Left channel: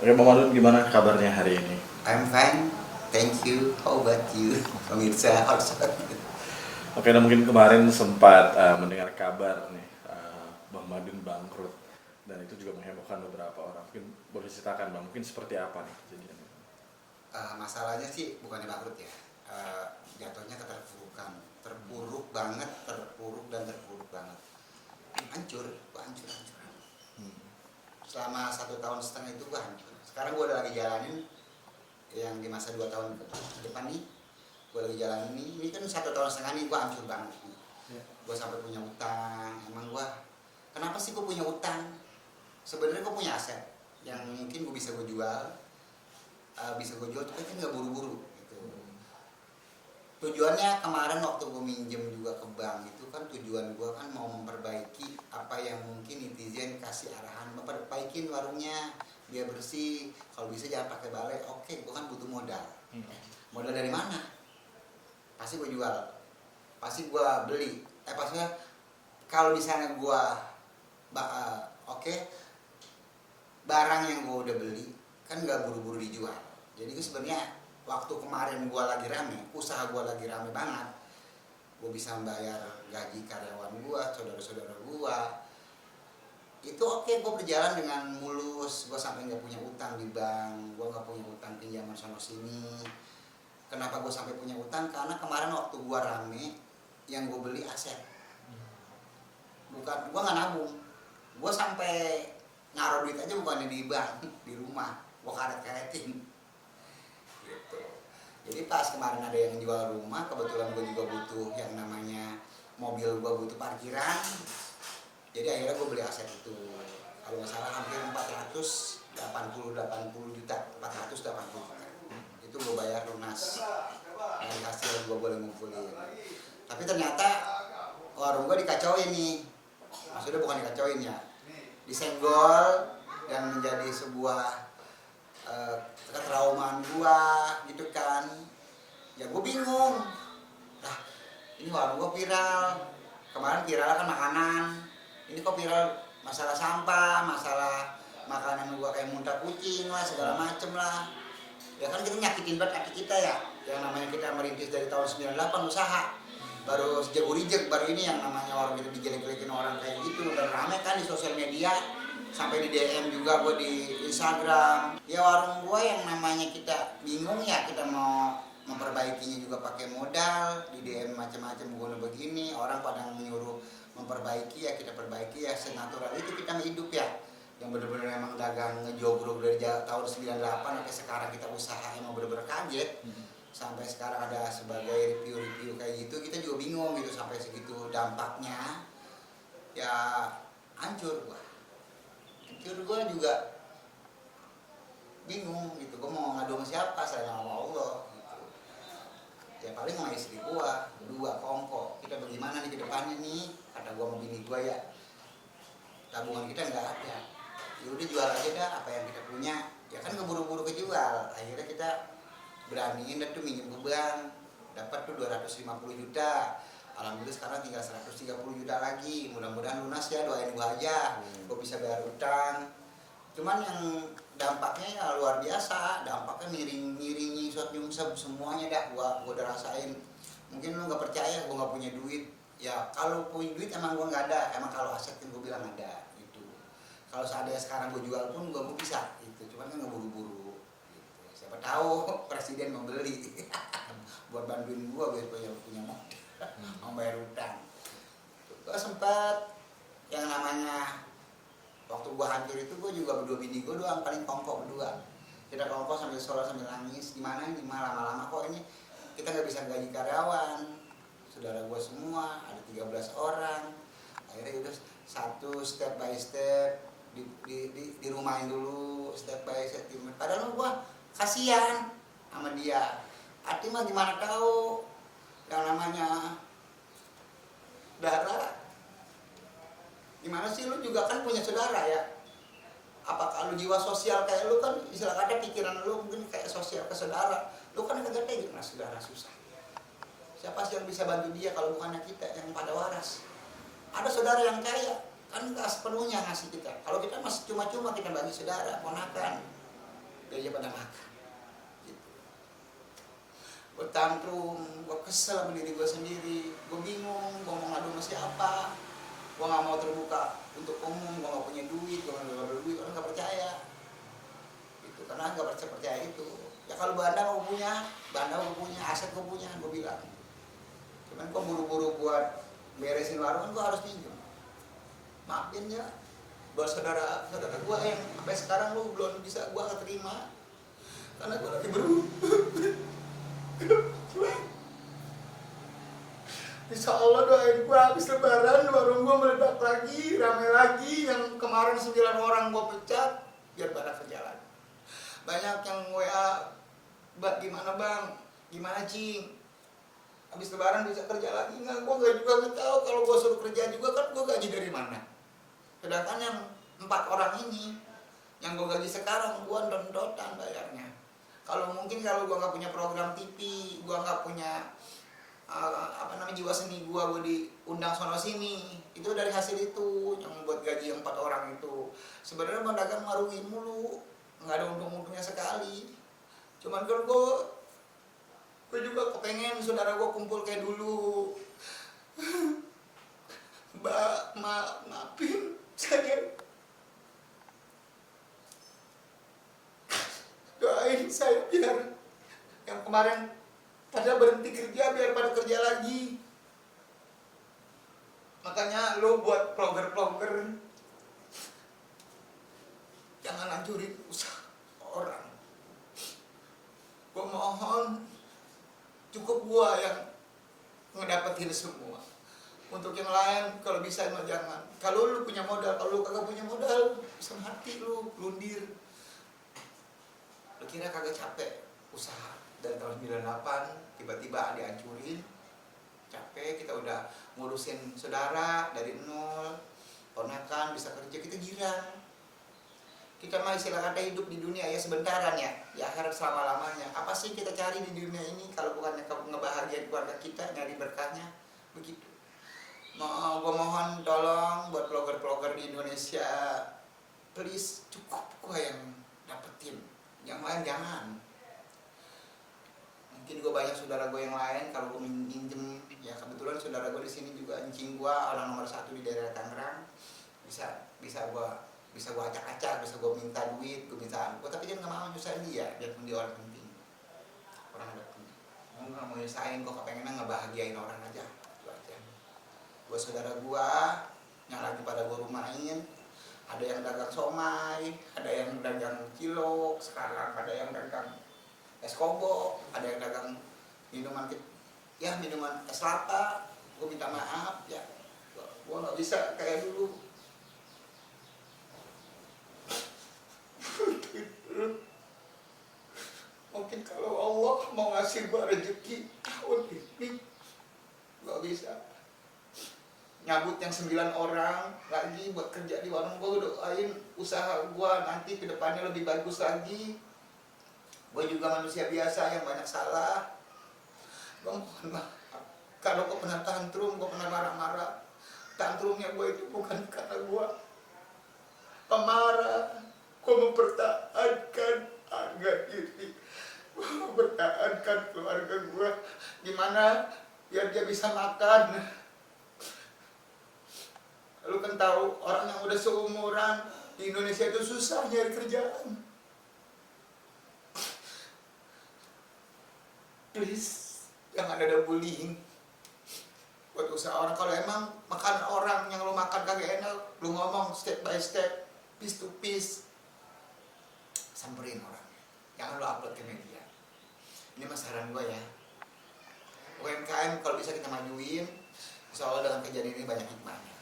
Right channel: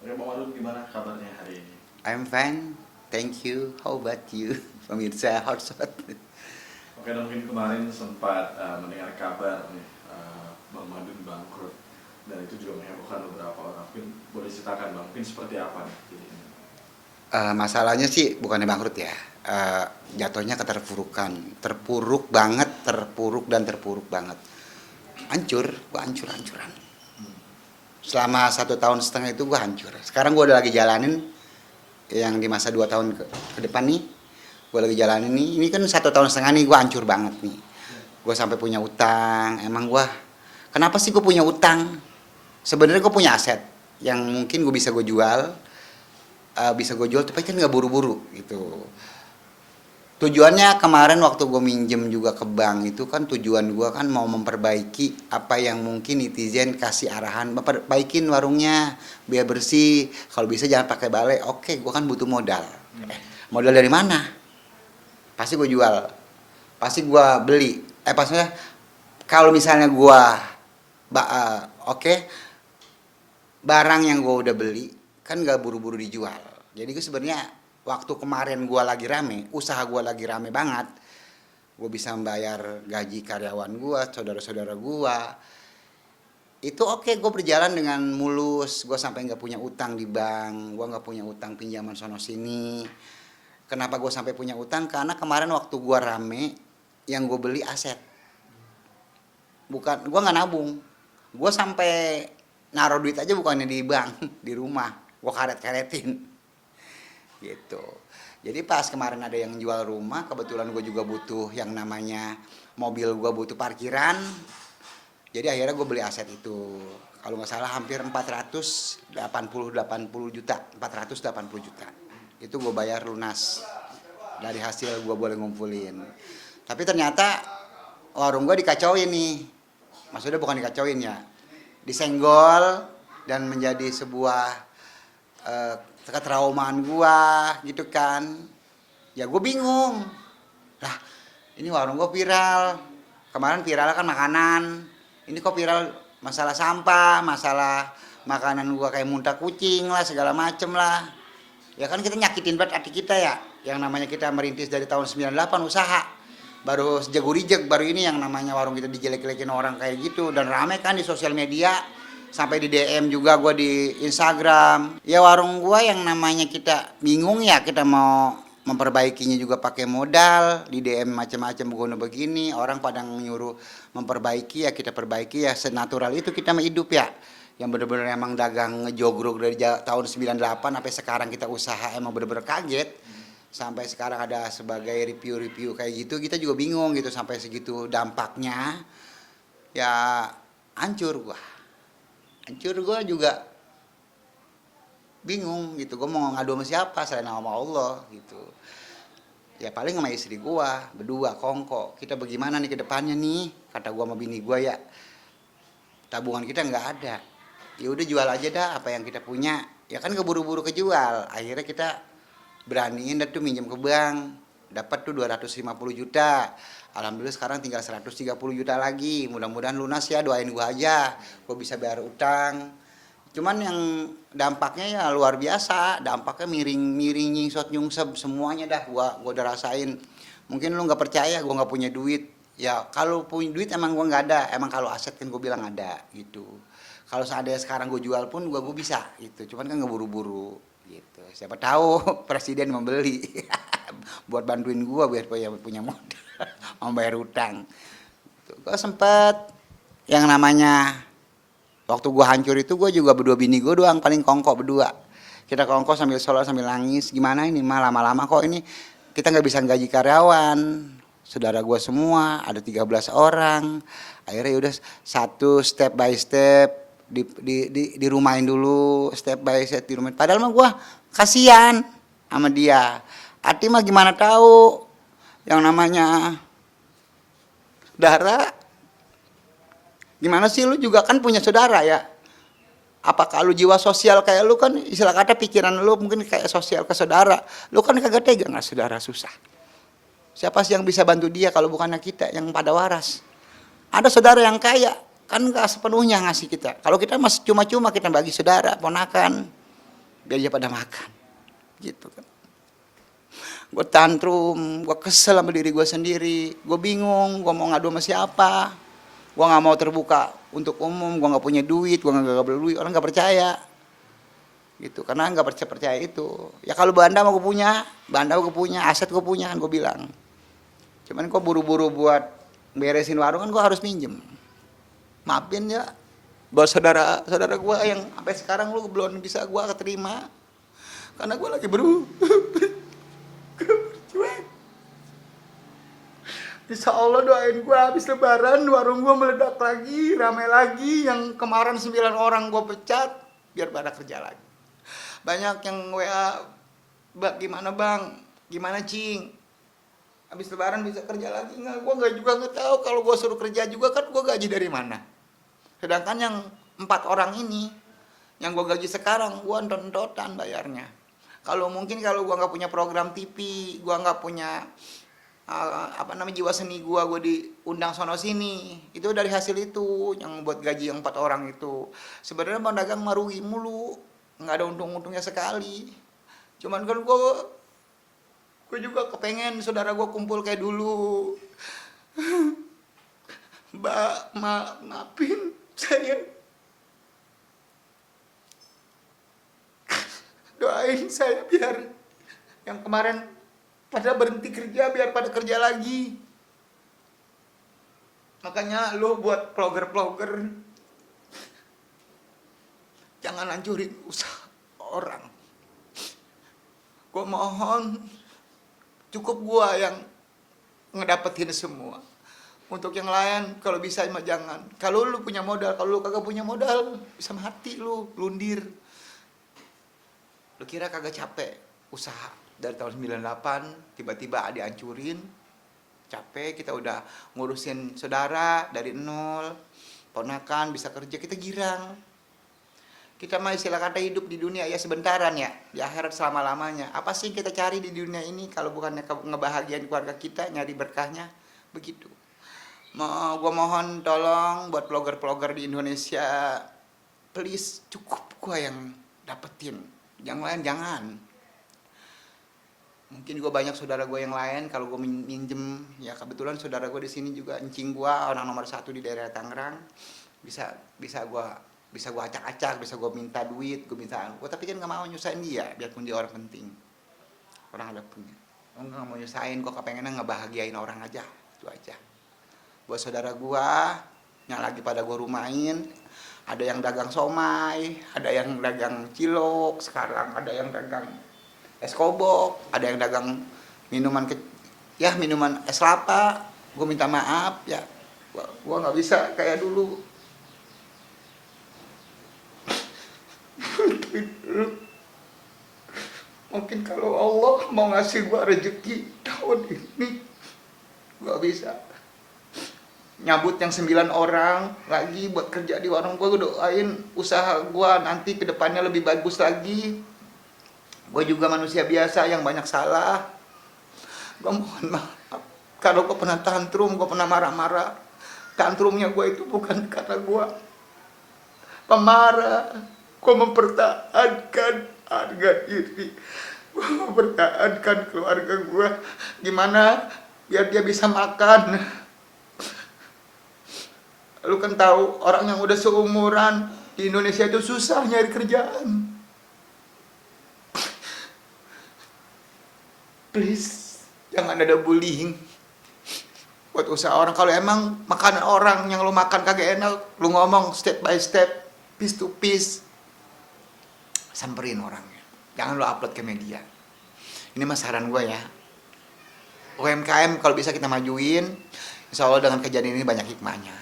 Oke, Bang Madun, gimana kabarnya hari ini? I'm fine, thank you. How about you, pemirsa Hotshot? Oke, dan mungkin kemarin sempat mendengar kabar nih, Bang Madun bangkrut, dan itu juga menghebohkan beberapa orang. Mungkin boleh ceritakan Bang, mungkin seperti apa nih jadinya? Masalahnya sih bukannya bangkrut ya, jatuhnya keterpurukan, terpuruk banget, terpuruk dan terpuruk banget. Hancur, gua hancur-hancuran. Selama 1,5 tahun itu gua hancur. Sekarang gua udah lagi jalanin yang di masa 2 tahun ke depan nih. Gua lagi jalanin nih, ini kan 1,5 tahun nih gua hancur banget nih. Gua sampai punya utang, kenapa sih gua punya utang? Sebenarnya gua punya aset yang mungkin gue jual, tapi kan nggak buru-buru gitu. Tujuannya kemarin waktu gue minjem juga ke bank itu kan tujuan gue kan mau memperbaiki apa yang mungkin netizen kasih arahan, perbaikin warungnya biar bersih, kalau bisa jangan pakai balai. Oke, gue kan butuh modal. Modal dari mana? Pasti gue jual, pasti gue beli. Maksudnya kalau misalnya gue oke, barang yang gue udah beli kan nggak buru-buru dijual. Jadi gue sebenarnya waktu kemarin gue lagi rame, usaha gue lagi rame banget, gue bisa membayar gaji karyawan gue, saudara-saudara gue, itu oke, gue berjalan dengan mulus, gue sampai nggak punya utang di bank, gue nggak punya utang pinjaman sono sini. Kenapa gue sampai punya utang? Karena kemarin waktu gue rame, yang gue beli aset, bukan gue nggak nabung, gue sampai naruh duit aja bukannya di bank, di rumah, gue karet-karetin gitu. Jadi pas kemarin ada yang jual rumah, kebetulan gue juga butuh yang namanya mobil, gue butuh parkiran, jadi akhirnya gue beli aset itu. Kalau nggak salah hampir 480 juta, 480 juta. Itu gue bayar lunas dari hasil gue boleh ngumpulin. Tapi ternyata warung gue dikacauin nih. Maksudnya bukan dikacauin ya, disenggol dan menjadi sebuah ketraumaan gua gitu kan. Ya gue bingung lah, ini warung gua viral, kemarin viral kan makanan, ini kok viral masalah sampah, masalah makanan gua kayak muntah kucing lah, segala macem lah. Ya kan kita nyakitin banget hati kita ya, yang namanya kita merintis dari tahun 98 usaha, baru sejago-rijek, baru ini yang namanya warung kita dijelek-jelekin orang kayak gitu, dan rame kan di sosial media, sampai di DM juga gue di Instagram. Ya warung gue yang namanya kita bingung ya, kita mau memperbaikinya juga pakai modal, di DM macam-macam begini, orang pada nyuruh memperbaiki, ya kita perbaiki, ya senatural itu kita mah hidup ya. Yang bener-bener emang dagang ngejogrok dari tahun 98 sampai sekarang kita usaha, emang bener-bener kaget. Sampai sekarang ada sebagai review-review kayak gitu, kita juga bingung gitu sampai segitu dampaknya. Ya hancur gue juga bingung gitu, gue mau ngadu sama siapa selain sama Allah gitu. Ya paling sama istri gue berdua kongko, kita bagaimana nih ke depannya nih, kata gue sama bini gue ya, tabungan kita nggak ada, ya udah jual aja dah apa yang kita punya. Ya kan keburu-buru kejual, akhirnya kita beraniin dah tuh minjem ke bank, dapat tuh 250 juta. Alhamdulillah sekarang tinggal 130 juta lagi, mudah-mudahan lunas ya, doain gua aja, gua bisa bayar utang. Cuman yang dampaknya ya luar biasa, dampaknya miring-miring, nyingsot nyungsep semuanya dah gua udah rasain. Mungkin lu nggak percaya gua nggak punya duit, ya kalau punya duit emang gua nggak ada, emang kalau aset kan gua bilang ada gitu. Kalau seandainya sekarang gua jual pun gua bisa gitu, cuman kan nggak buru-buru gitu. Siapa tahu presiden membeli buat bantuin gua biar punya modal. Mau bayar utang. Gue sempet yang namanya waktu gue hancur itu, gue juga berdua bini gue doang paling kongko berdua. Kita kongko sambil sholat sambil nangis, gimana ini mah lama-lama kok ini kita nggak bisa gaji karyawan. Saudara gue semua ada 13 orang. Akhirnya udah satu step by step dirumahin dulu, step by step dirumahin. Padahal mah gue kasihan sama dia. Hati mah gimana tahu yang namanya saudara. Gimana sih, lu juga kan punya saudara ya, apakah lu jiwa sosial kayak lu kan, istilah kata pikiran lu mungkin kayak sosial ke saudara, lu kan kagak tega nggak saudara susah. Siapa sih yang bisa bantu dia kalau bukannya kita yang pada waras. Ada saudara yang kaya, kan nggak sepenuhnya ngasih kita. Kalau kita masih cuma-cuma kita bagi saudara, ponakan, biar dia pada makan, gitu kan. Gue tantrum, gue kesel sama diri gue sendiri, gue bingung, gue mau ngadu sama siapa, gue nggak mau terbuka untuk umum, gue nggak punya duit, gue nggak beli duit, orang nggak percaya, gitu, karena nggak percaya itu. Ya kalau banda mau gue punya, aset gue punya, kan gue bilang. Cuman kok buru-buru buat beresin warung kan gue harus minjem. Maafin ya, buat saudara gue yang sampai sekarang lu belum bisa gue keterima, karena gue lagi Insya Allah doain gue habis lebaran warung gue meledak lagi, ramai lagi. Yang kemarin 9 orang gue pecat, biar pada kerja lagi. Banyak yang WA, gimana bang, gimana cing, habis lebaran bisa kerja lagi nggak? Gue nggak juga nggak tahu. Kalau gue suruh kerja juga kan gue gaji dari mana? Sedangkan yang 4 orang ini, yang gue gaji sekarang, gue entot-entotan bayarnya. Kalau mungkin kalau gue nggak punya program TV, gue nggak punya jiwa seni gue diundang sono sini, itu dari hasil itu yang membuat gaji yang 4 orang itu. Sebenarnya bang dagang merugi mulu, nggak ada untung-untungnya sekali. Cuman kan gue juga kepengen saudara gue kumpul kayak dulu. Maafin saya, doain saya biar yang kemarin pada berhenti kerja biar pada kerja lagi. Makanya lo buat vlogger jangan hancurin usaha orang. Gue mohon, cukup gue yang ngedapetin semua. Untuk yang lain kalau bisa mah jangan. Kalau lu punya modal, kalau lu kagak punya modal bisa mati lu, lundir. Lu kira kagak capek usaha dari tahun 98 tiba-tiba dihancurin. Capek, kita udah ngurusin saudara dari nol, ponakan bisa kerja, kita girang. Kita mah istilah kata hidup di dunia ya sebentaran ya, di akhirat selama-lamanya. Apa sih kita cari di dunia ini kalau bukannya ngebahagiain keluarga kita, nyari berkahnya, begitu. Gue mohon tolong buat vlogger di Indonesia, please, cukup gue yang dapetin, yang lain jangan. Mungkin gue banyak saudara gue yang lain, kalau gue minjem, ya kebetulan saudara gue di sini juga encing gue, orang nomor 1 di daerah Tangerang, bisa gue acak-acak, bisa gue minta duit, gue tapi kan nggak mau nyusahin dia, biarpun dia orang penting, orang ada punya. Gue nggak mau nyusahin, gue kepengennya ngebahagiain orang aja, itu aja. Buat saudara gue yang lagi pada gue rumahin, ada yang dagang somai, ada yang dagang cilok, sekarang ada yang dagang es kobok, ada yang dagang minuman es kelapa. Gue minta maaf ya, gue nggak bisa kayak dulu. Mungkin kalau Allah mau ngasih gue rezeki tahun ini, gue bisa nyabut yang 9 orang lagi buat kerja di warung gue. Gue doain usaha gue nanti ke depannya lebih bagus lagi. Gue juga manusia biasa yang banyak salah. Gue mohon maaf kalau gue pernah tantrum, gue pernah marah-marah. Tantrumnya gue itu bukan karena gue pemarah. Gue mempertahankan harga diri, gue mempertahankan keluarga gue. Gimana biar dia bisa makan. Lu kan tahu orang yang udah seumuran di Indonesia itu susah nyari kerjaan. Please, jangan ada bullying buat usaha orang. Kalau emang makanan orang yang lu makan kagak enak, lu ngomong step by step, piece to piece, samperin orangnya. Jangan lu upload ke media. Ini mah saran gue ya. UMKM kalau bisa kita majuin, insya Allah dengan kejadian ini banyak hikmahnya.